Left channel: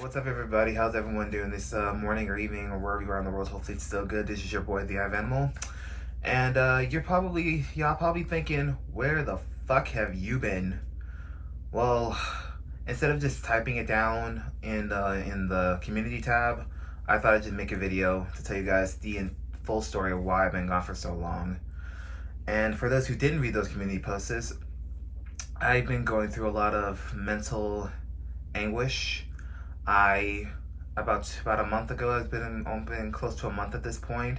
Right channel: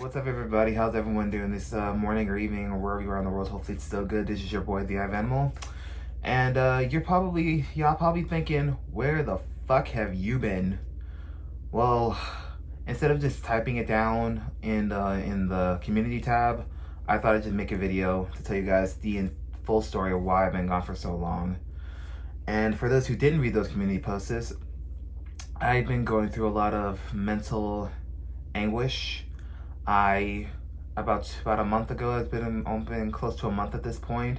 What's up, everybody? How's everyone doing this morning or evening or wherever you are in the world? Hopefully it's still good. This is your boy, the Ivanimal. And y'all probably thinking, where the fuck have you been? Well, instead of just typing it down in the community tab, I thought I'd just make a video to tell you guys the full story of why I've been gone for so long. And for those who didn't read those community posts, I've been going through a lot of mental anguish. About a month ago, it's been close to a month at this point.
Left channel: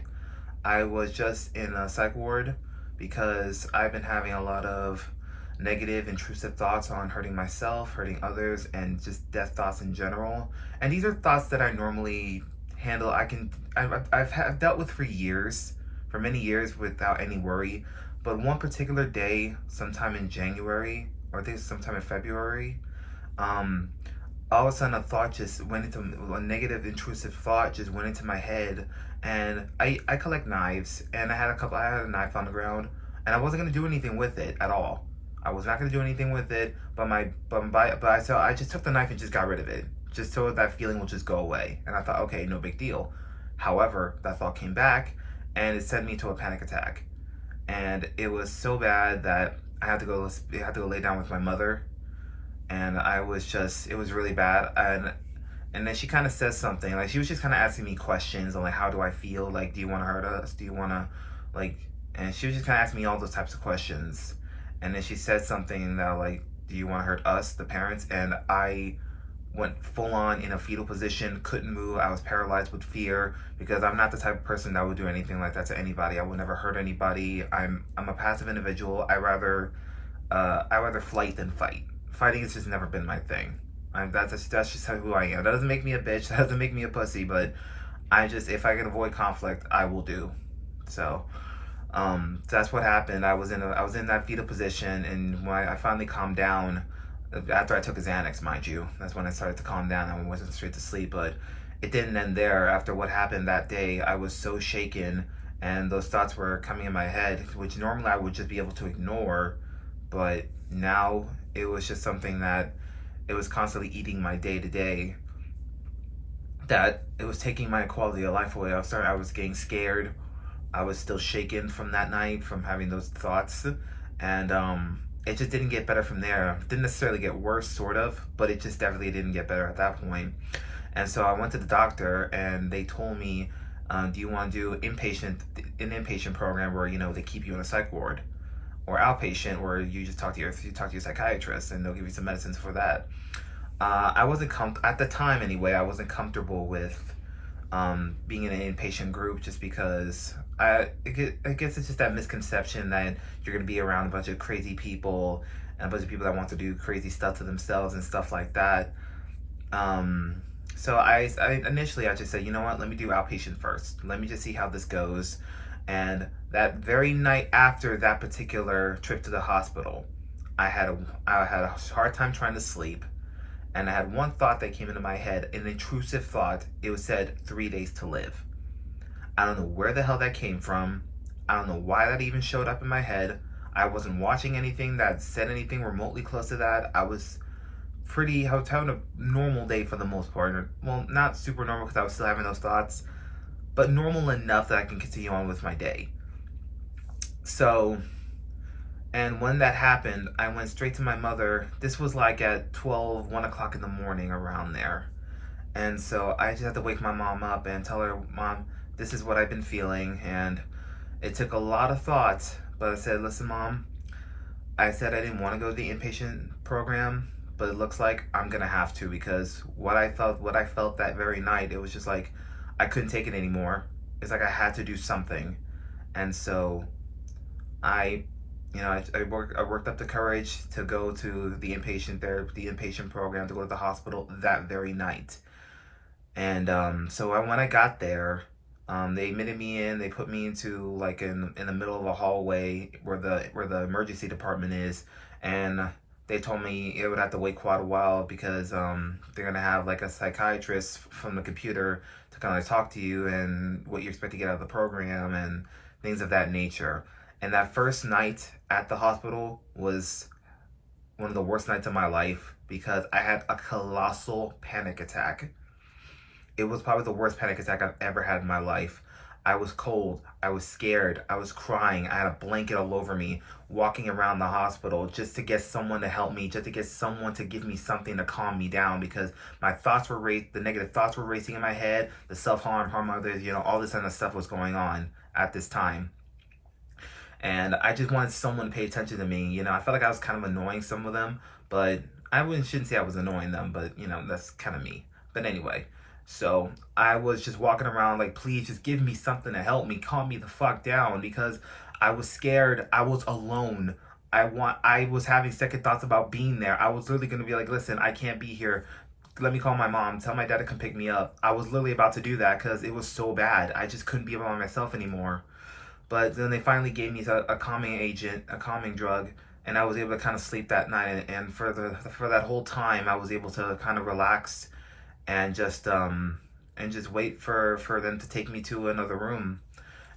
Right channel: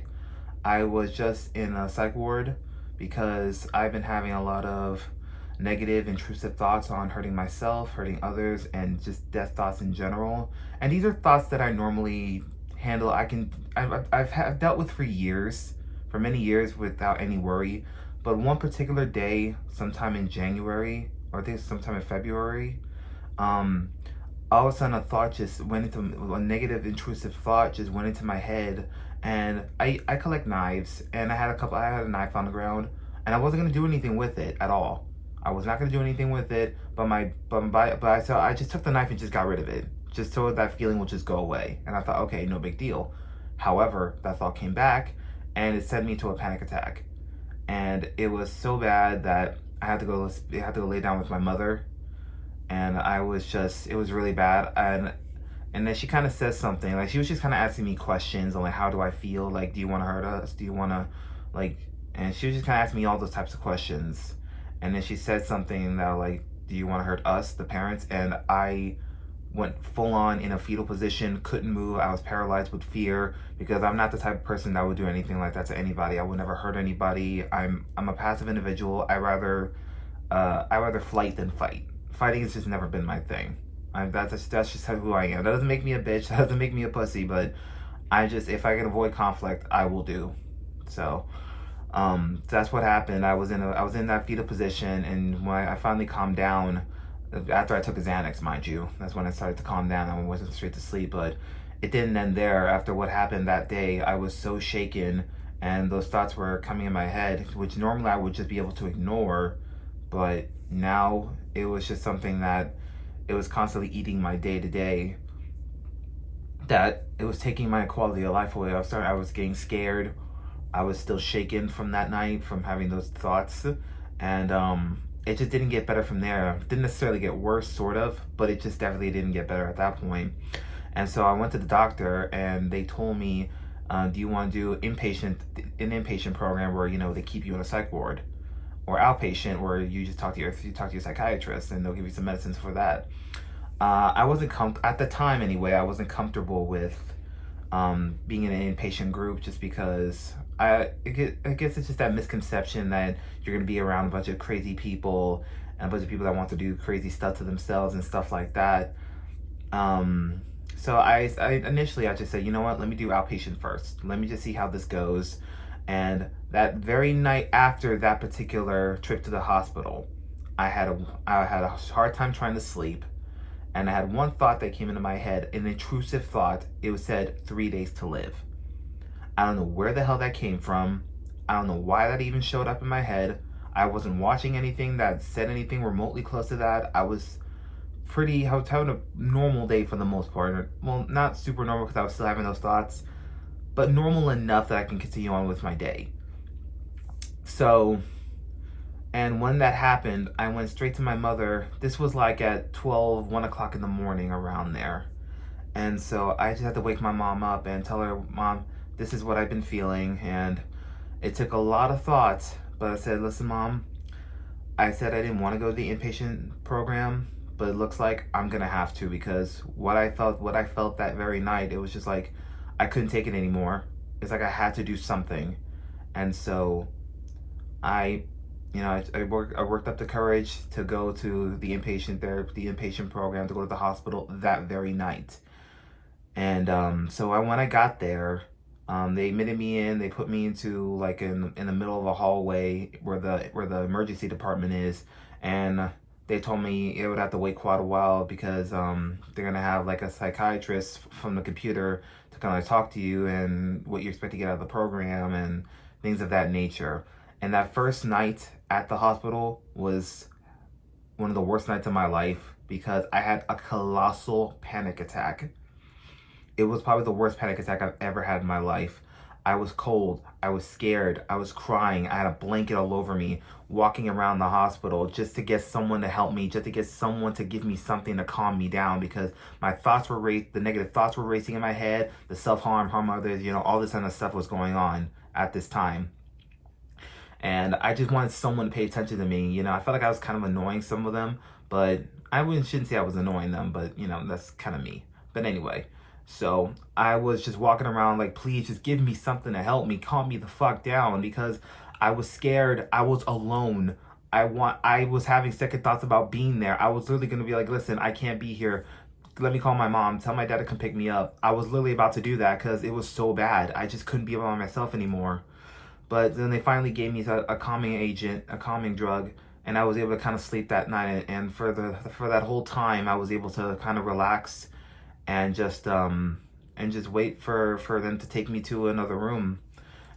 I was just in a psych ward because I've been having a lot of negative, intrusive thoughts on hurting myself, hurting others, and just death thoughts in general. And these are thoughts that I normally handle. I've dealt with for many years without any worry. But one particular day, sometime in January, or I think sometime in February, all of a sudden a negative intrusive thought just went into my head. And I collect knives, and I had a knife on the ground, and I wasn't gonna do anything with it at all. I was not gonna do anything with it, so I just took the knife and just got rid of it, just so that feeling would just go away. And I thought, okay, no big deal. However, that thought came back, and it sent me to a panic attack. And it was so bad that I had to go lay down with my mother. And it was really bad. And then she kind of says something, like she was just kind of asking me questions on like, how do I feel? Like, do you want to hurt us? Do you want to and she was just kind of asking me all those types of questions. And then she said something that like, do you want to hurt us, the parents? And I went full on in a fetal position, couldn't move. I was paralyzed with fear because I'm not the type of person that would do anything like that to anybody. I would never hurt anybody. I'm a passive individual. I rather flight than fight. Fighting has just never been my thing. That's just who I am. That doesn't make me a bitch. That doesn't make me a pussy. But if I can avoid conflict, I will do. So, that's what happened. I was in that fetal position, and when I finally calmed down, after I took a Xanax, mind you, that's when I started to calm down. I wasn't straight to sleep, but it didn't end there. After what happened that day, I was so shaken, and those thoughts were coming in my head, which normally I would just be able to ignore, but now it was just something that it was constantly eating my day to day, that it was taking my quality of life away. I was getting scared. I was still shaken from that night, from having those thoughts. And it just didn't get better from there. It didn't necessarily get worse, sort of, but it just definitely didn't get better at that point. And so I went to the doctor, and they told me, do you want to do an inpatient program where, they keep you in a psych ward, or outpatient where you just talk to your psychiatrist and they'll give you some medicines for that. I wasn't at the time anyway. I wasn't comfortable with being in an inpatient group, just because I guess it's just that misconception that you're gonna be around a bunch of crazy people and a bunch of people that want to do crazy stuff to themselves and stuff like that. So I initially just said, you know what, let me do outpatient first. Let me just see how this goes. And that very night after that particular trip to the hospital, I had a hard time trying to sleep, and I had one thought that came into my head, an intrusive thought. It was said 3 days to live. I don't know where the hell that came from. I don't know why that even showed up in my head. I wasn't watching anything that said anything remotely close to that. I was having a normal day for the most part. Well, not super normal because I was still having those thoughts, but normal enough that I can continue on with my day. So, and when that happened, I went straight to my mother. This was like at 1 o'clock in the morning, around there. And so I just had to wake my mom up and tell her, Mom, this is what I've been feeling. And it took a lot of thought, but I said, listen, Mom, I said I didn't want to go to the inpatient program, but it looks like I'm gonna have to, because what I felt that very night, it was just like, I couldn't take it anymore. It's like I had to do something. And so I worked up the courage to go to the inpatient program, to go to the hospital that very night. And so when I got there, they admitted me in. They put me into like in the middle of a hallway where the emergency department is, and they told me it would have to wait quite a while because they're gonna have like a psychiatrist from the computer to kind of talk to you and what you expect to get out of the program and things of that nature. And that first night at the hospital was one of the worst nights of my life, because I had a colossal panic attack. It was probably the worst panic attack I've ever had in my life. I was cold, I was scared, I was crying, I had a blanket all over me, walking around the hospital just to get someone to help me, just to get someone to give me something to calm me down, because my thoughts were the negative thoughts were racing in my head, the harm others, all this kind of stuff was going on at this time. And I just wanted someone to pay attention to me. I felt like I was kind of annoying some of them, but shouldn't say I was annoying them, but that's kind of me. But anyway, so I was just walking around like, please just give me something to help me, calm me the fuck down, because I was scared. I was alone. I was having second thoughts about being there. I was literally going to be like, listen, I can't be here. Let me call my mom, tell my dad to come pick me up. I was literally about to do that because it was so bad. I just couldn't be by myself anymore. But then they finally gave me a calming agent, a calming drug, and I was able to kind of sleep that night. And for that whole time, I was able to kind of relax and just wait for them to take me to another room.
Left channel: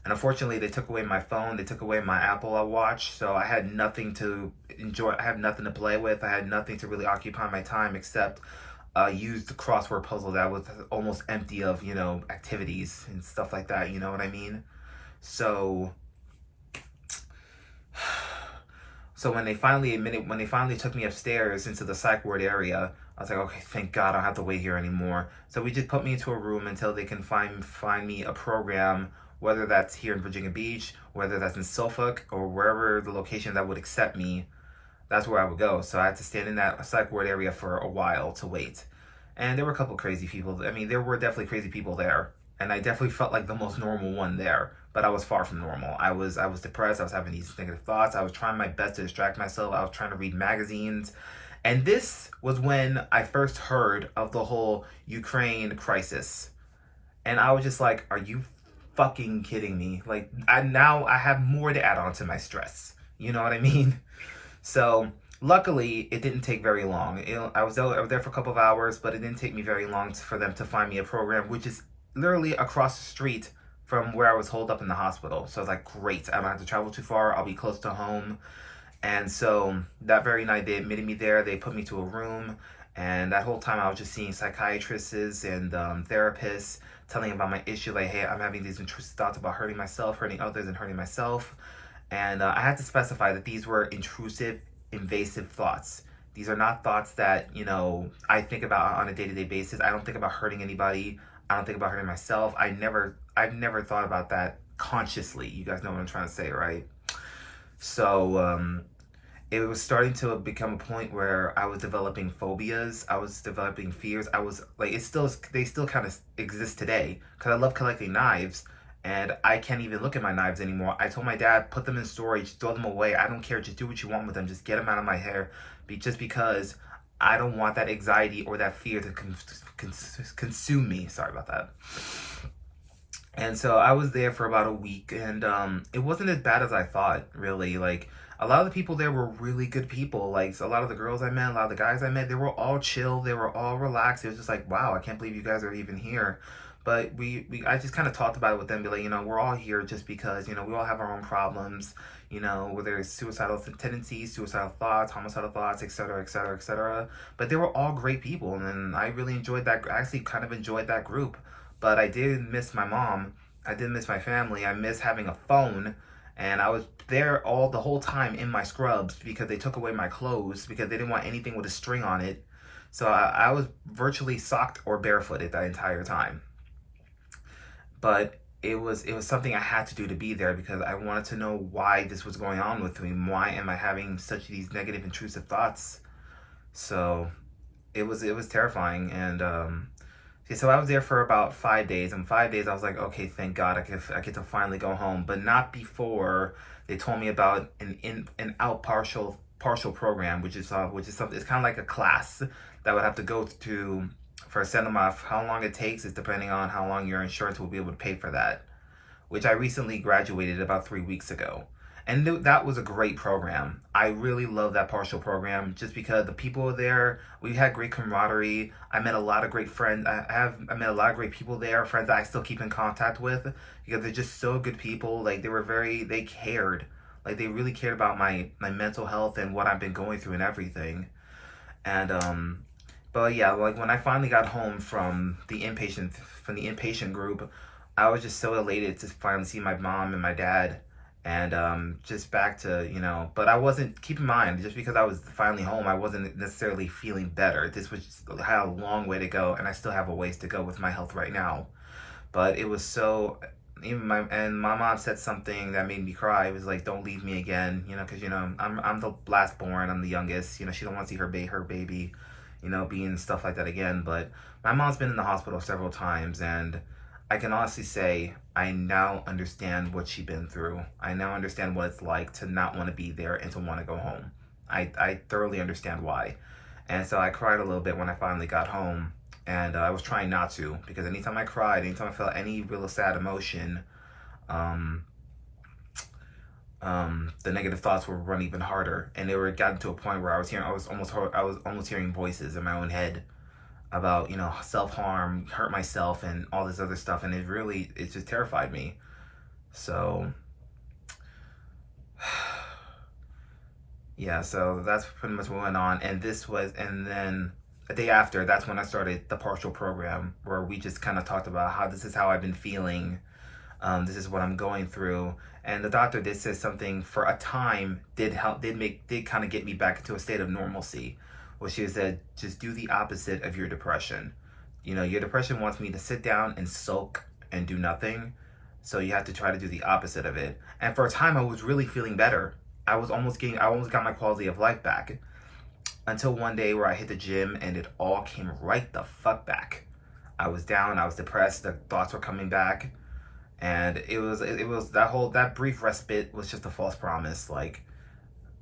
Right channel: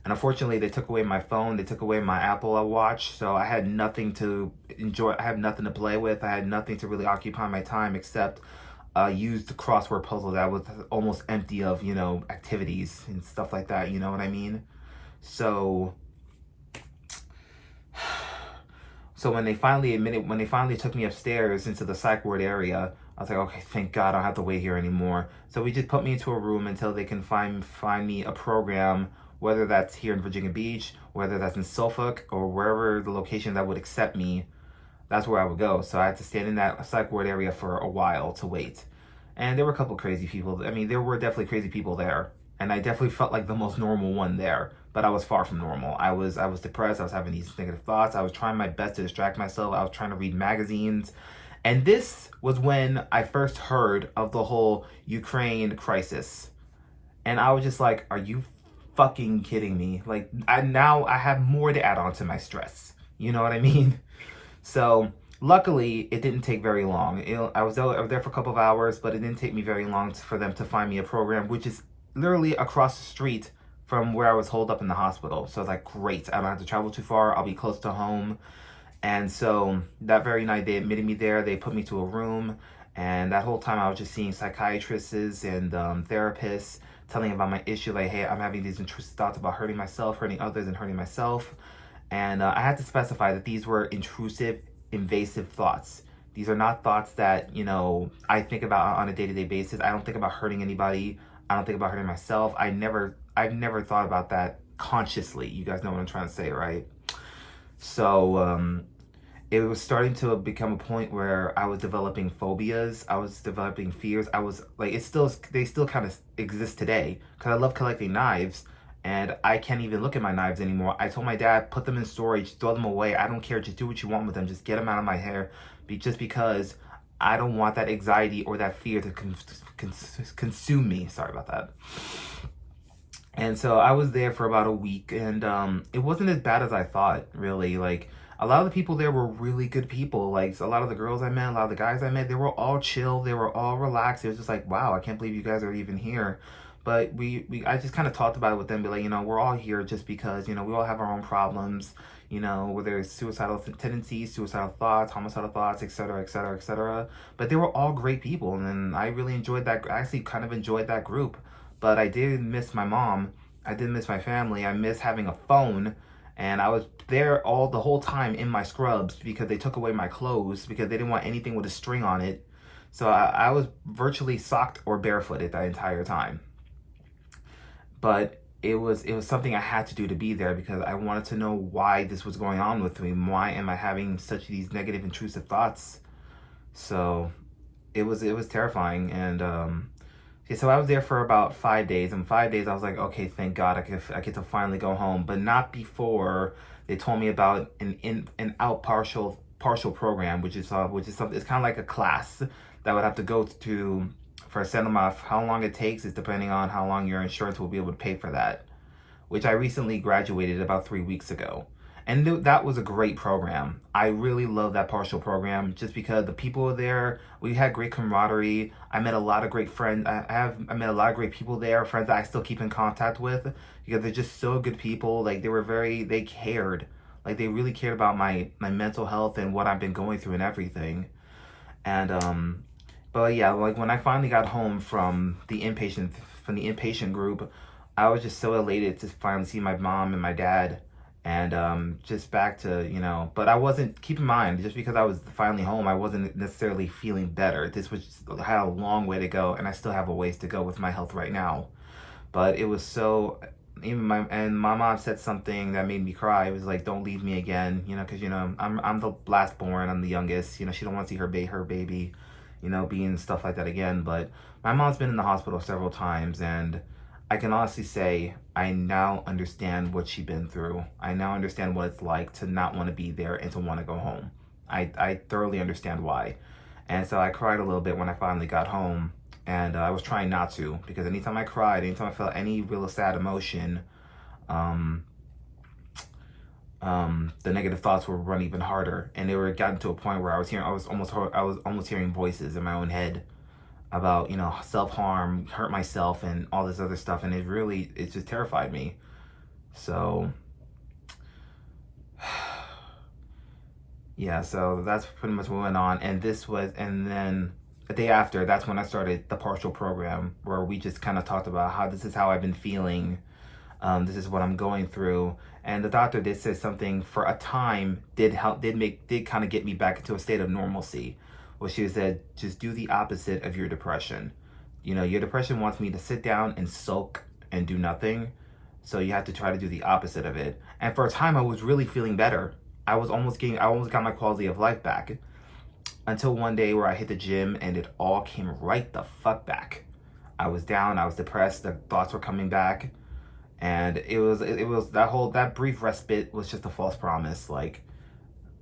And unfortunately, they took away my phone, they took away my Apple Watch, so I had nothing to enjoy. I had nothing to play with. I had nothing to really occupy my time except use the crossword puzzle that was almost empty of activities and stuff like that. You know what I mean? So when they finally took me upstairs into the psych ward area, I was like, okay, thank God I don't have to wait here anymore. So we just put me into a room until they can find me a program, whether that's here in Virginia Beach, whether that's in Suffolk, or wherever the location that would accept me, that's where I would go. So I had to stand in that psych ward area for a while to wait. And there were a couple crazy people. I mean, there were definitely crazy people there. And I definitely felt like the most normal one there, but I was far from normal. I was depressed. I was having these negative thoughts. I was trying my best to distract myself. I was trying to read magazines. And this was when I first heard of the whole Ukraine crisis. And I was just like, are you fucking kidding me? Like, now I have more to add on to my stress. You know what I mean? So luckily, it didn't take very long. I was there for a couple of hours, but it didn't take me very long for them to find me a program, which is literally across the street from where I was holed up in the hospital. So I was like, great, I don't have to travel too far. I'll be close to home. And so that very night, they admitted me there. They put me to a room. And that whole time, I was just seeing psychiatrists and therapists, telling about my issue. Like, hey, I'm having these intrusive thoughts about hurting myself, hurting others, and hurting myself. And I had to specify that these were intrusive, invasive thoughts. These are not thoughts that, I think about on a day-to-day basis. I don't think about hurting anybody. I don't think about hurting myself. I've never thought about that consciously. You guys know what I'm trying to say, right? So it was starting to become a point where I was developing phobias. I was developing fears. I was like, they still kind of exist today, because I love collecting knives, and I can't even look at my knives anymore. I told my dad, put them in storage, throw them away. I don't care. Just do what you want with them. Just get them out of my hair, just because I don't want that anxiety or that fear to consume me. Sorry about that. And so I was there for about a week, and it wasn't as bad as I thought, really. Like, a lot of the people there were really good people. Like, a lot of the girls I met, a lot of the guys I met, they were all chill. They were all relaxed. It was just like, wow, I can't believe you guys are even here. But I just kind of talked about it with them, be like, we're all here just because, we all have our own problems, whether it's suicidal tendencies, suicidal thoughts, homicidal thoughts, et cetera, et cetera, et cetera. But they were all great people, and I really enjoyed that. I actually kind of enjoyed that group. But I did miss my mom. I did miss my family. I miss having a phone. And I was there the whole time in my scrubs because they took away my clothes because they didn't want anything with a string on it. So I was virtually socked or barefooted that entire time. But it was something I had to do to be there because I wanted to know why this was going on with me. Why am I having such these negative, intrusive thoughts? So it was terrifying. And so I was there for about 5 days. And 5 days, I was like, okay, thank God I get to finally go home. But not before they told me about an out partial program, which is something. It's kind of like a class that I would have to go to for a set amount. How long it takes is depending on how long your insurance will be able to pay for that, which I recently graduated about 3 weeks ago. And that was a great program. I really love that partial program just because the people there, we had great camaraderie. I met a lot of great friends. I met a lot of great people there, friends that I still keep in contact with because they're just so good people. Like, they cared. Like, they really cared about my mental health and what I've been going through and everything. And but yeah, like when I finally got home from the inpatient group, I was just so elated to finally see my mom and my dad, and just back to, you know. But I wasn't, keep in mind, just because I was finally home, I wasn't necessarily feeling better. This was had a long way to go, and I still have a ways to go with my health right now. But it was so, even my mom said something that made me cry. It was like, "Don't leave me again," you know, because, you know, I'm the last born, I'm the youngest. You know, she don't want to see her baby, you know, being stuff like that again. But my mom's been in the hospital several times, and I can honestly say I now understand what she's been through. I now understand what it's like to not want to be there and to want to go home. I thoroughly understand why. And so I cried a little bit when I finally got home. And I was trying not to, because anytime I cried, anytime I felt any real sad emotion, um, the negative thoughts would run even harder. And they were gotten to a point where I was almost hearing voices in my own head about, you know, self-harm, hurt myself, and all this other stuff. And it just terrified me. So yeah, so that's pretty much what went on. And then the day after, that's when I started the partial program, where we just kind of talked about how this is how I've been feeling. This is what I'm going through. And the doctor did say something for a time, did kind of get me back into a state of normalcy. Well, she said, just do the opposite of your depression. You know, your depression wants me to sit down and sulk and do nothing. So you have to try to do the opposite of it. And for a time, I was really feeling better. I almost got my quality of life back, until one day where I hit the gym and it all came right the fuck back. I was down, I was depressed, the thoughts were coming back, and it was that brief respite was just a false promise. Like,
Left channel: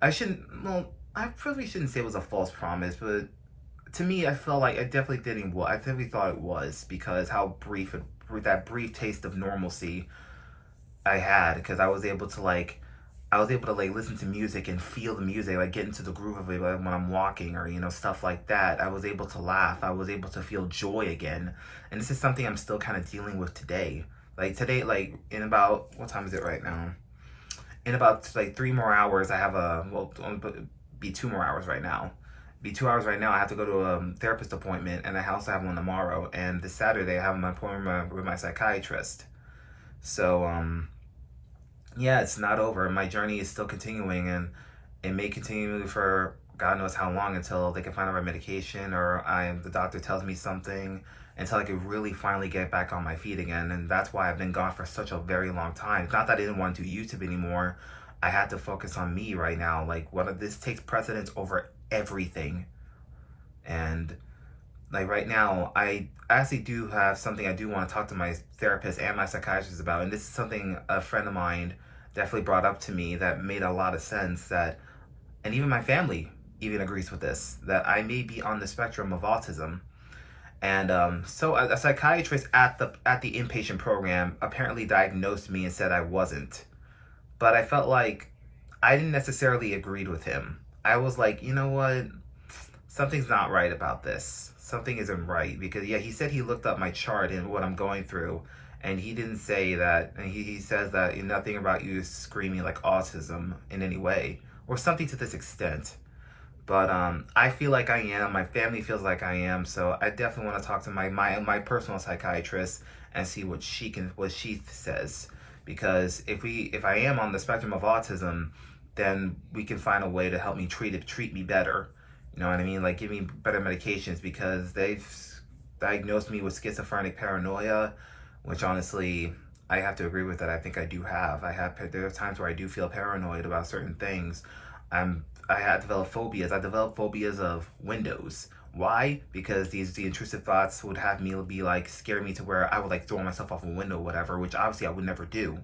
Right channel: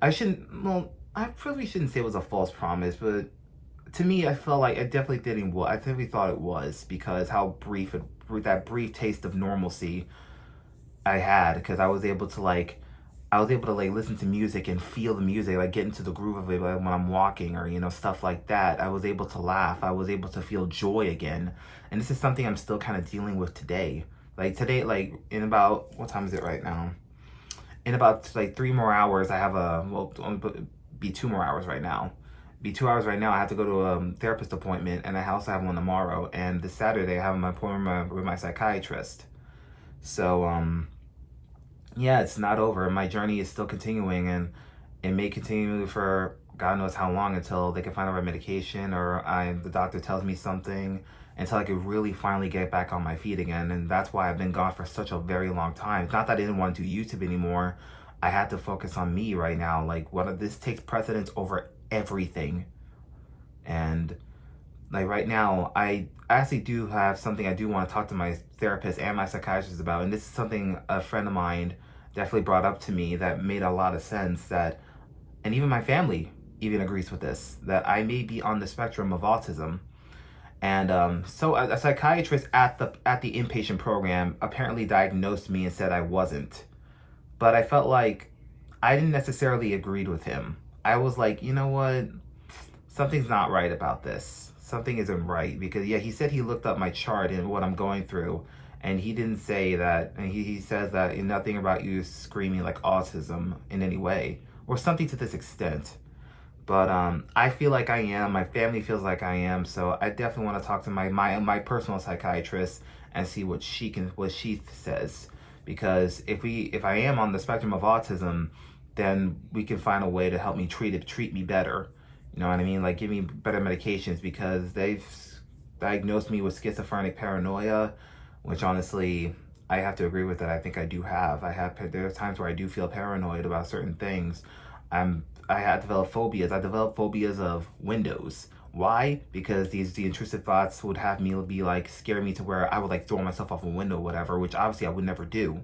I probably shouldn't say it was a false promise, but to me, I felt like I definitely thought it was, because how that brief taste of normalcy I had, because I was able to listen to music and feel the music, like get into the groove of it, like when I'm walking, or, you know, stuff like that. I was able to laugh. I was able to feel joy again. And this is something I'm still kind of dealing with today. Like today, like in about, what time is it right now? In about like 3 more hours, I have be 2 more hours right now. Be 2 hours right now. I have to go to a therapist appointment, and I also have one tomorrow. And this Saturday, I have my appointment with my psychiatrist. So, yeah, it's not over. My journey is still continuing, and it may continue for God knows how long, until they can find the right medication, or the doctor tells me something, until I can really finally get back on my feet again. And that's why I've been gone for such a very long time. It's not that I didn't want to do YouTube anymore. I had to focus on me right now. Like, this takes precedence over everything. And like right now, I actually do have something I do want to talk to my therapist and my psychiatrist about. And this is something a friend of mine definitely brought up to me that made a lot of sense, and even my family even agrees with this, that I may be on the spectrum of autism. And so a psychiatrist at the inpatient program apparently diagnosed me and said I wasn't. But I felt like I didn't necessarily agree with him. I was like, you know what? Something's not right about this. Something isn't right. Because, yeah, he said he looked up my chart and what I'm going through, and he didn't say that. And he says that nothing about you is screaming like autism in any way, or something to this extent. But I feel like I am. My family feels like I am. So I definitely want to talk to my personal psychiatrist and see what she says. Because if I am on the spectrum of autism, then we can find a way to help me treat me better. You know what I mean? Like, give me better medications, because they've diagnosed me with schizophrenic paranoia, which honestly, I have to agree with that. I think I do have. There are times where I do feel paranoid about certain things. I had developed phobias. I developed phobias of windows. Why? Because the intrusive thoughts would have me be like, scare me to where I would like throw myself off a window or whatever, which obviously I would never do.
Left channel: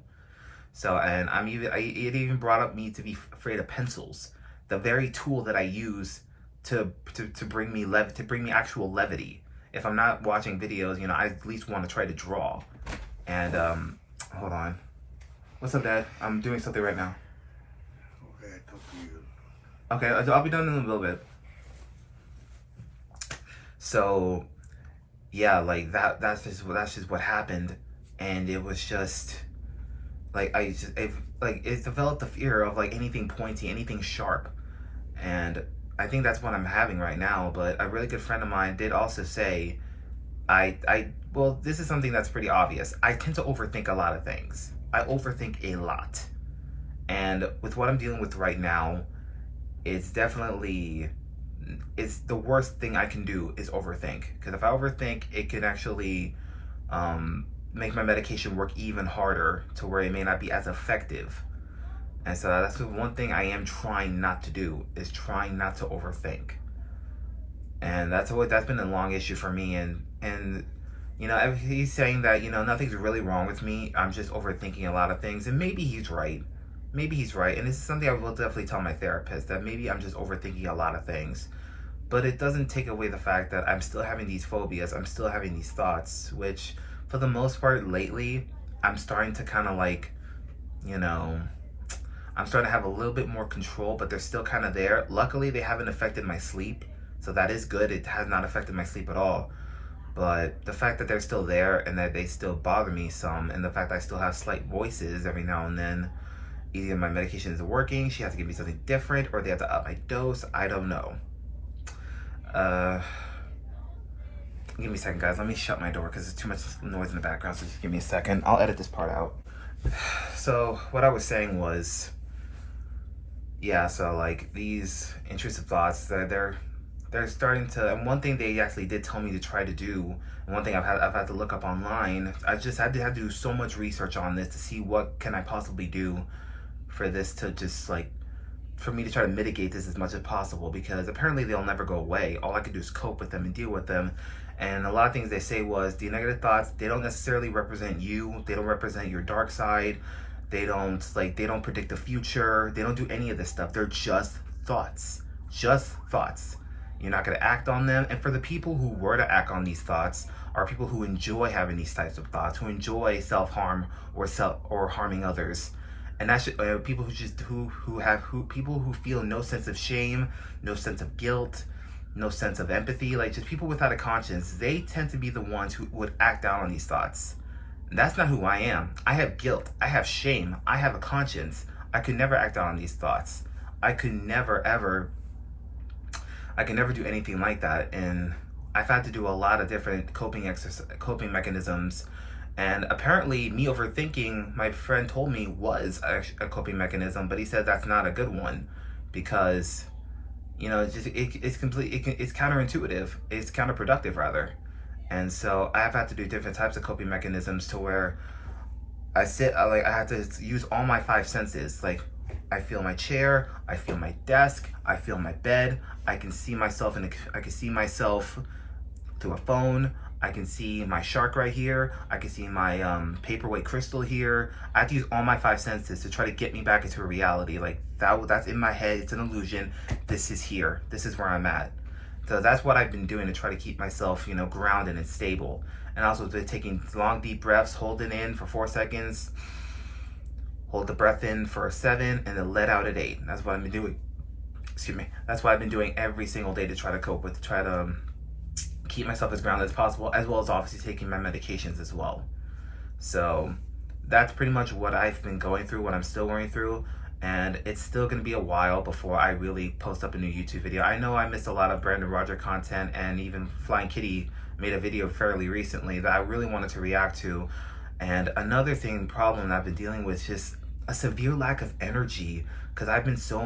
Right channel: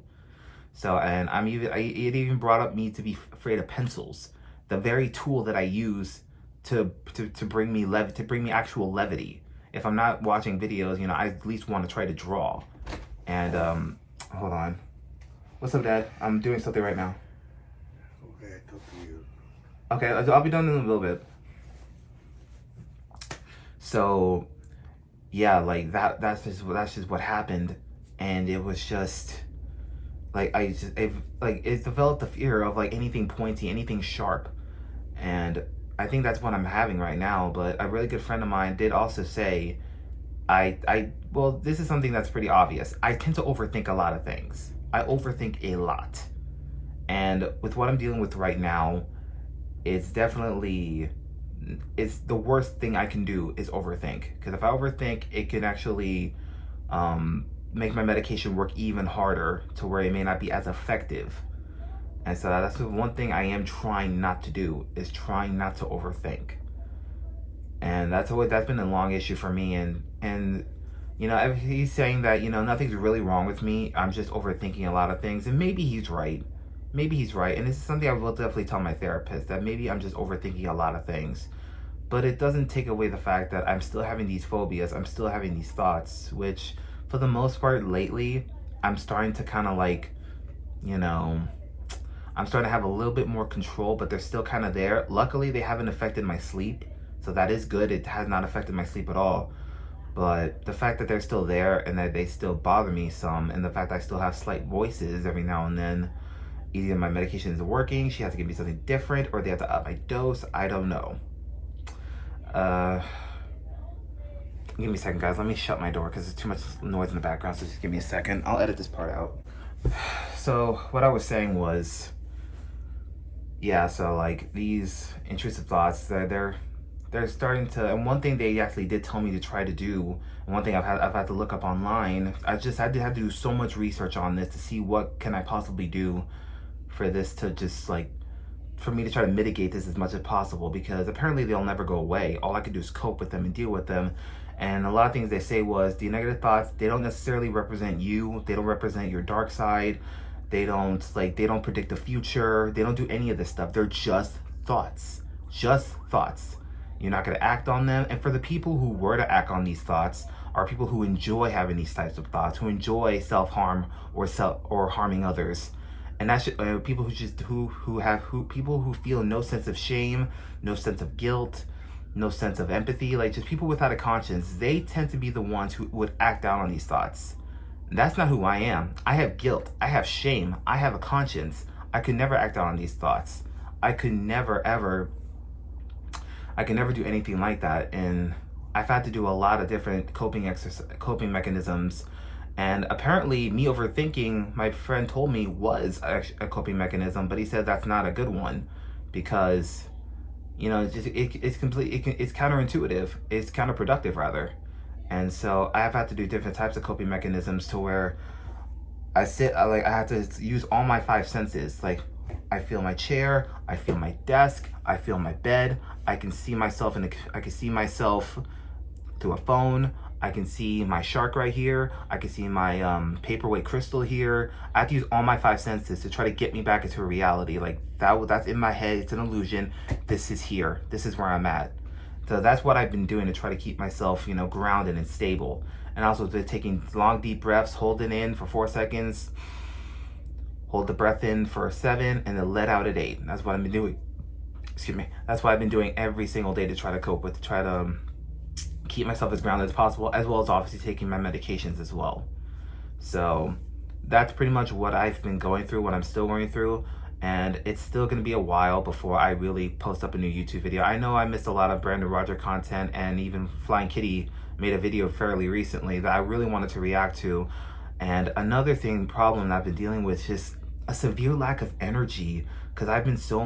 So, and it even brought up me to be afraid of pencils, the very tool that I use to bring me actual levity. If I'm not watching videos, you know, I at least want to try to draw. And hold on. What's up, Dad? I'm doing something right now. Okay, talk to you. Okay, I'll be done in a little bit. So, yeah, like that's just what happened, and it was just like it developed the fear of like anything pointy, anything sharp, and I think that's what I'm having right now. But a really good friend of mine did also say, well, this is something that's pretty obvious. I tend to overthink a lot of things. I overthink a lot. And with what I'm dealing with right now, it's definitely, it's the worst thing I can do is overthink. Because if I overthink, it can actually make my medication work even harder to where it may not be as effective. And so that's the one thing I am trying not to do, is trying not to overthink. And that's been a long issue for me. And he's saying that, nothing's really wrong with me. I'm just overthinking a lot of things. And maybe he's right. Maybe he's right. And this is something I will definitely tell my therapist, that maybe I'm just overthinking a lot of things. But it doesn't take away the fact that I'm still having these phobias. I'm still having these thoughts, which for the most part lately, I'm starting to kind of like, I'm starting to have a little bit more control, but they're still kind of there. Luckily, they haven't affected my sleep. So that is good. It has not affected my sleep at all. But the fact that they're still there and that they still bother me some, and the fact that I still have slight voices every now and then, either my medication isn't working, she has to give me something different, or they have to up my dose. I don't know. Give me a second, guys. Let me shut my door because there's too much noise in the background. So just give me a second. I'll edit this part out. So what I was saying was, yeah. So like these intrusive thoughts, they're starting to, and one thing they actually did tell me to try to do, and one thing I've had to look up online, I just had to do so much research on this to see what can I possibly do for this to just like, for me to try to mitigate this as much as possible, because apparently they'll never go away. All I could do is cope with them and deal with them. And a lot of things they say was, the negative thoughts, they don't necessarily represent you. They don't represent your dark side. They don't predict the future. They don't do any of this stuff. They're just thoughts. Just thoughts. You're not going to act on them. And for the people who were to act on these thoughts are people who enjoy having these types of thoughts, who enjoy self-harm or harming others. And that's people people who feel no sense of shame, no sense of guilt, no sense of empathy, like just people without a conscience. They tend to be the ones who would act out on these thoughts. And that's not who I am. I have guilt. I have shame. I have a conscience. I could never act out on these thoughts. I could never do anything like that. And I've had to do a lot of different coping mechanisms. And apparently me overthinking, my friend told me, was a coping mechanism, but he said that's not a good one, because it's counterintuitive. It's counterproductive rather. And so I've had to do different types of coping mechanisms to where I had to use all my five senses. Like, I feel my chair, I feel my desk, I feel my bed, I can see myself through a phone, I can see my shark right here, I can see my paperweight crystal here. I have to use all my five senses to try to get me back into a reality. Like, that's in my head, it's an illusion. This is here, this is where I'm at. So that's what I've been doing to try to keep myself, grounded and stable. And also taking long deep breaths, hold it in for 4 seconds, hold the breath in for 7, and then let out at 8. That's what I've been doing. Excuse me. That's what I've been doing every single day to try to cope with, to try to keep myself as grounded as possible, as well as obviously taking my medications as well. So that's pretty much what I've been going through, what I'm still going through. And it's still going to be a while before I really post up a new YouTube video. I know I missed a lot of Brandon Roger content, and even Flying Kitty made a video fairly recently that I really wanted to react to. And another problem that I've been dealing with is just a severe lack of energy, because I've been so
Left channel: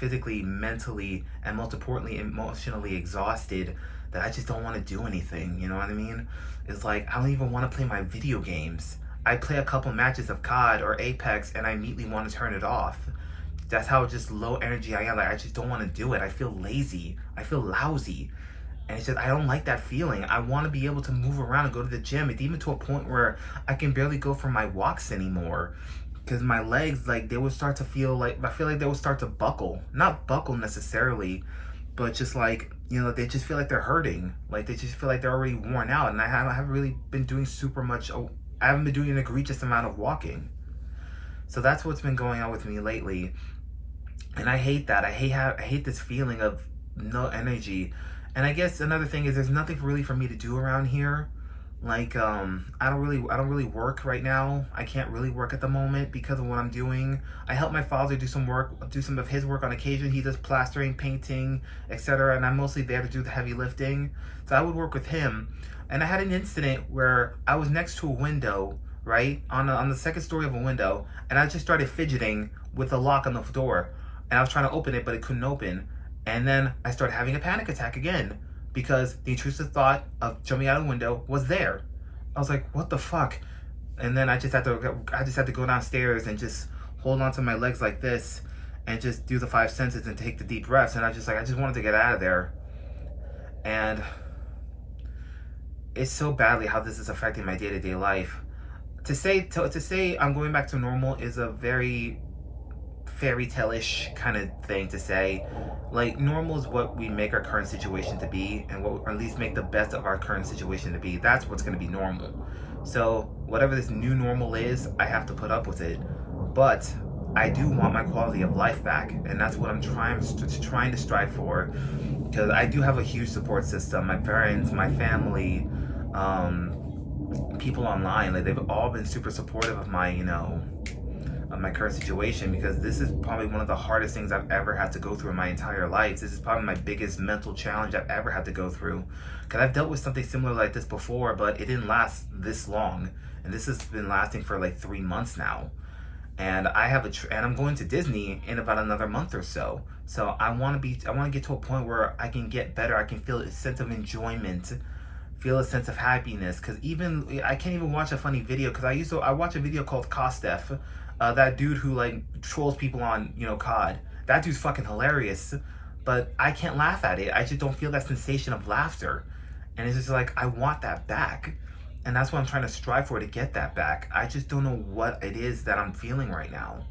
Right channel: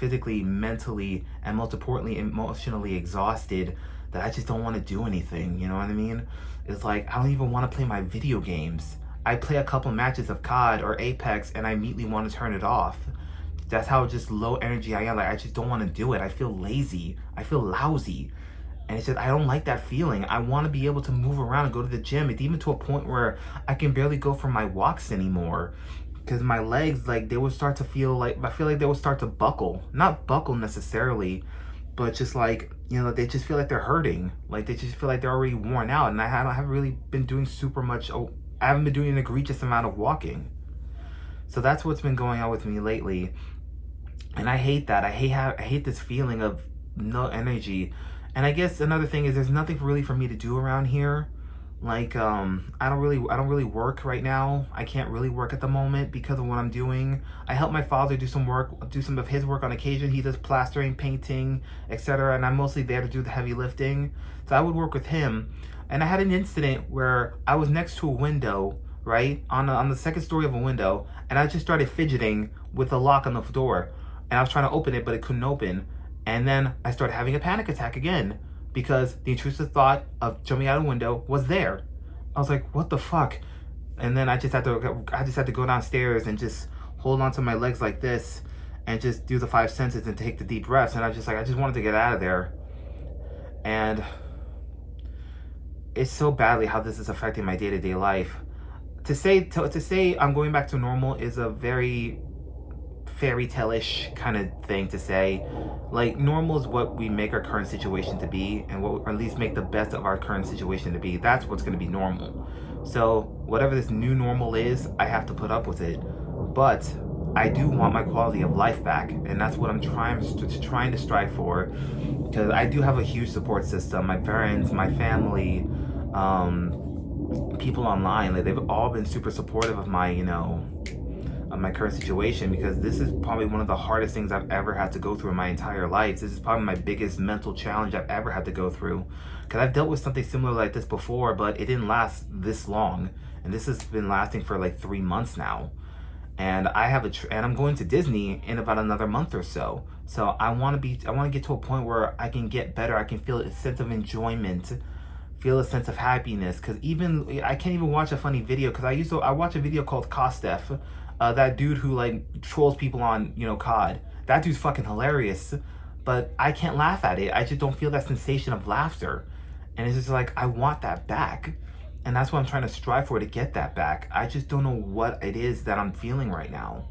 physically, mentally, and most importantly, emotionally exhausted that I just don't want to do anything. You know what I mean? It's like, I don't even want to play my video games. I play a couple matches of COD or Apex and I immediately want to turn it off. That's how just low energy I am. Like, I just don't want to do it. I feel lazy. I feel lousy. And it's just, I don't like that feeling. I want to be able to move around and go to the gym. It's even to a point where I can barely go for my walks anymore, because my legs, like, they would start to feel like, I feel like they would start to buckle. Not buckle necessarily, but just like, they just feel like they're hurting. Like, they just feel like they're already worn out. And I haven't really been doing super much. I haven't been doing an egregious amount of walking. So that's what's been going on with me lately. And I hate that. I hate this feeling of no energy. And I guess another thing is, there's nothing really for me to do around here. Like, I don't really work right now. I can't really work at the moment because of what I'm doing. I help my father do some of his work on occasion. He does plastering, painting, etc. And I'm mostly there to do the heavy lifting. So I would work with him. And I had an incident where I was next to a window, right? On the second story of a window, and I just started fidgeting with the lock on the door. And I was trying to open it, but it couldn't open. And then I started having a panic attack again, because the intrusive thought of jumping out a window was there. I was like, what the fuck? And then I just had to go downstairs and just hold onto my legs like this and just do the 5 senses and take the deep breaths. And I just wanted to get out of there. And it's so badly how this is affecting my day-to-day life. To say I'm going back to normal is a very fairy tale-ish kind of thing to say. Like, normal is what we make our current situation to be, and or at least make the best of our current situation to be. That's what's going to be normal. So whatever this new normal is, I have to put up with it. But I do want my quality of life back, and that's what I'm trying to strive for, because I do have a huge support system. My parents, my family, people online, like, they've all been super supportive of my, of my current situation, because this is probably one of the hardest things I've ever had to go through in my entire life. This is probably my biggest mental challenge I've ever had to go through, because I've dealt with something similar like this before, but it didn't last this long, and this has been lasting for like 3 months now. And I'm going to Disney in about another month or so. So I want to get to a point where I can get better. I can feel a sense of enjoyment, feel a sense of happiness. Because I can't even watch a funny video, because I watch a video called Kostef, that dude who like trolls people on COD. That dude's fucking hilarious, but I can't laugh at it. I just don't feel that sensation of laughter, and it's just like, I want that back. And that's what I'm trying to strive for, to get that back. I just don't know what it is that I'm feeling right now.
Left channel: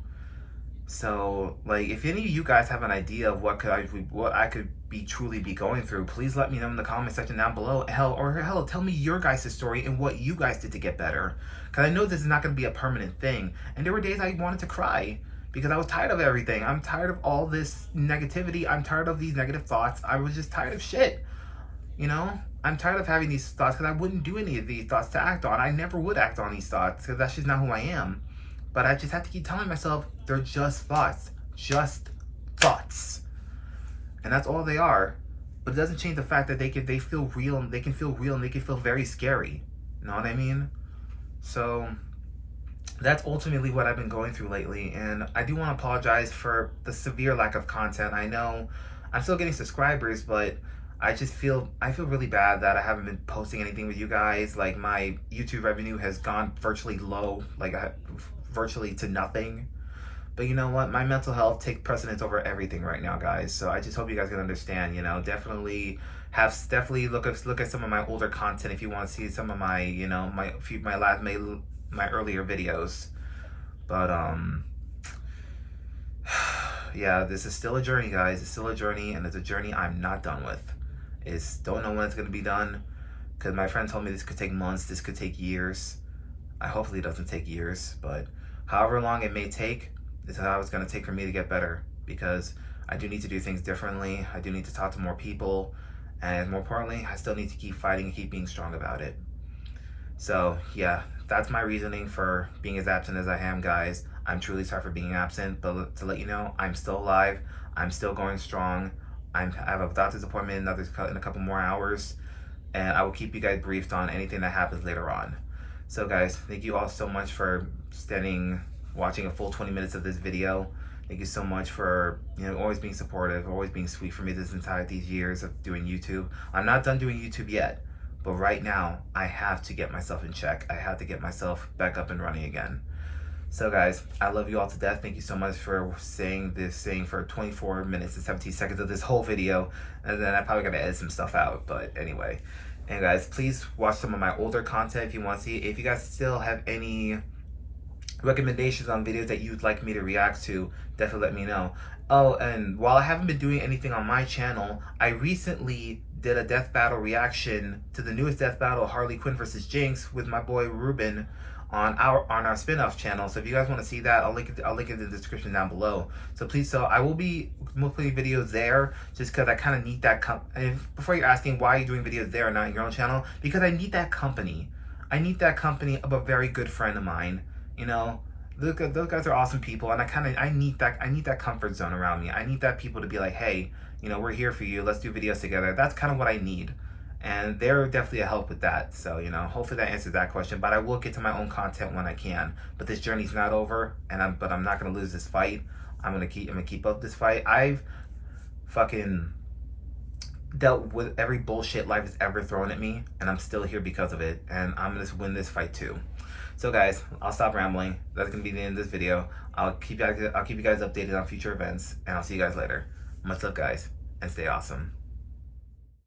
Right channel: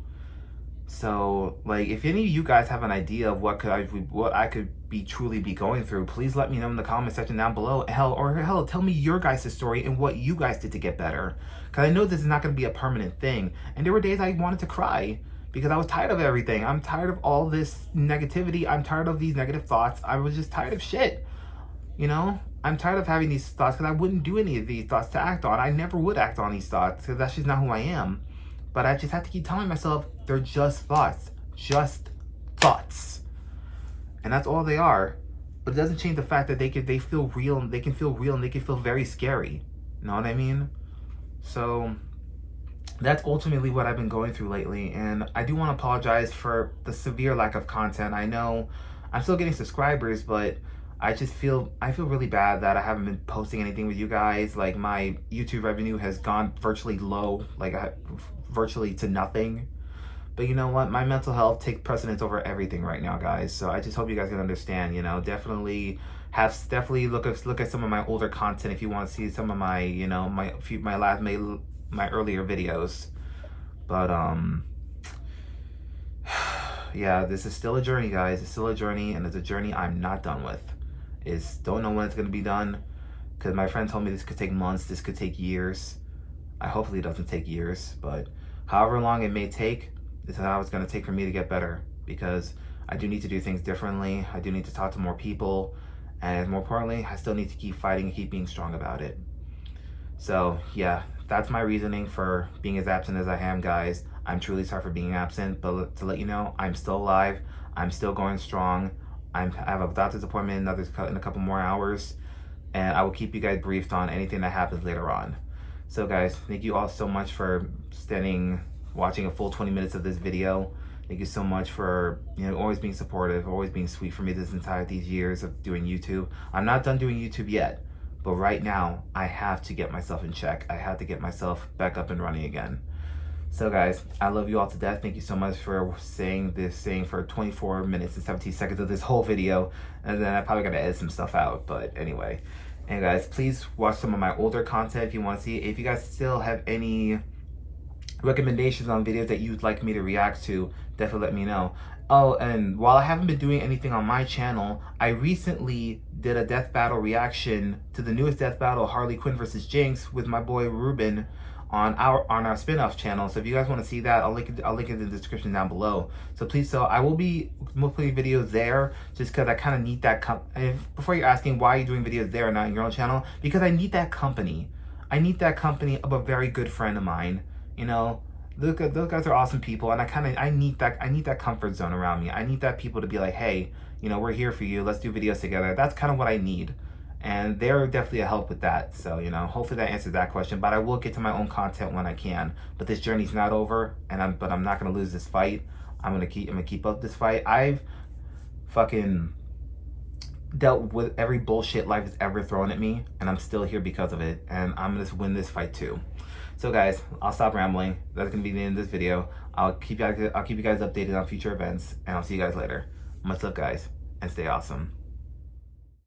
So, like, if any of you guys have an idea of what I could truly be going through, please let me know in the comment section down below. Hell, tell me your guys' story and what you guys did to get better. Because I know this is not going to be a permanent thing. And there were days I wanted to cry, because I was tired of everything. I'm tired of all this negativity. I'm tired of these negative thoughts. I was just tired of shit. I'm tired of having these thoughts, because I wouldn't do any of these thoughts to act on. I never would act on these thoughts, because that's just not who I am. But I just have to keep telling myself they're just thoughts. Just thoughts. And that's all they are. But it doesn't change the fact that they feel real, and they can feel real, and they can feel very scary. You know what I mean? So that's ultimately what I've been going through lately. And I do want to apologize for the severe lack of content. I know I'm still getting subscribers, but I feel really bad that I haven't been posting anything with you guys. Like, my YouTube revenue has gone virtually low, like virtually to nothing. But you know what? My mental health takes precedence over everything right now, guys. So I just hope you guys can understand. Definitely look at some of my older content if you want to see some of my my earlier videos. But yeah, this is still a journey, guys. It's still a journey, and it's a journey I'm not done with. Don't know when it's going to be done, because my friend told me this could take months, this could take years. Hopefully it doesn't take years, but however long it may take, this is how it's going to take for me to get better, because I do need to do things differently. I do need to talk to more people, and more importantly, I still need to keep fighting and keep being strong about it. So yeah, that's my reasoning for being as absent as I am, guys. I'm truly sorry for being absent, but to let you know, I'm still alive. I'm still going strong. I have a doctor's appointment in a couple more hours, and I will keep you guys briefed on anything that happens later on. So guys, thank you all so much for watching a full 20 minutes of this video. Thank you so much for always being supportive, always being sweet for me these years of doing YouTube. I'm not done doing YouTube yet, but right now I have to get myself in check. I have to get myself back up and running again. So guys, I love you all to death. Thank you so much for saying for 24 minutes and 17 seconds of this whole video. And then I probably gotta edit some stuff out, but anyway. And guys, please watch some of my older content if you want to see. If you guys still have any recommendations on videos that you'd like me to react to, definitely let me know. Oh, and while I haven't been doing anything on my channel, I recently did a death battle reaction to the newest death battle, Harley Quinn versus Jinx, with my boy Ruben on our spin-off channel. So if you guys want to see that, I'll link it in the description down below. So please, I will be putting videos there, just because I kind of need that before you're asking why you're doing videos there and not on your own channel, because I need that company. I need that company of a very good friend of mine. You know, those guys are awesome people, and I need that comfort zone around me. I need that people to be like, hey, you know, we're here for you. Let's do videos together. That's kind of what I need. And they're definitely a help with that. So, you know, hopefully that answers that question. But I will get to my own content when I can. But this journey's not over, and I'm not gonna lose this fight. I'm gonna keep up this fight. I've fucking dealt with every bullshit life has ever thrown at me, and I'm still here because of it. And I'm gonna win this fight too. So guys, I'll stop rambling. That's gonna be the end of this video. I'll keep you guys updated on future events, and I'll see you guys later. Much love, guys, and stay awesome.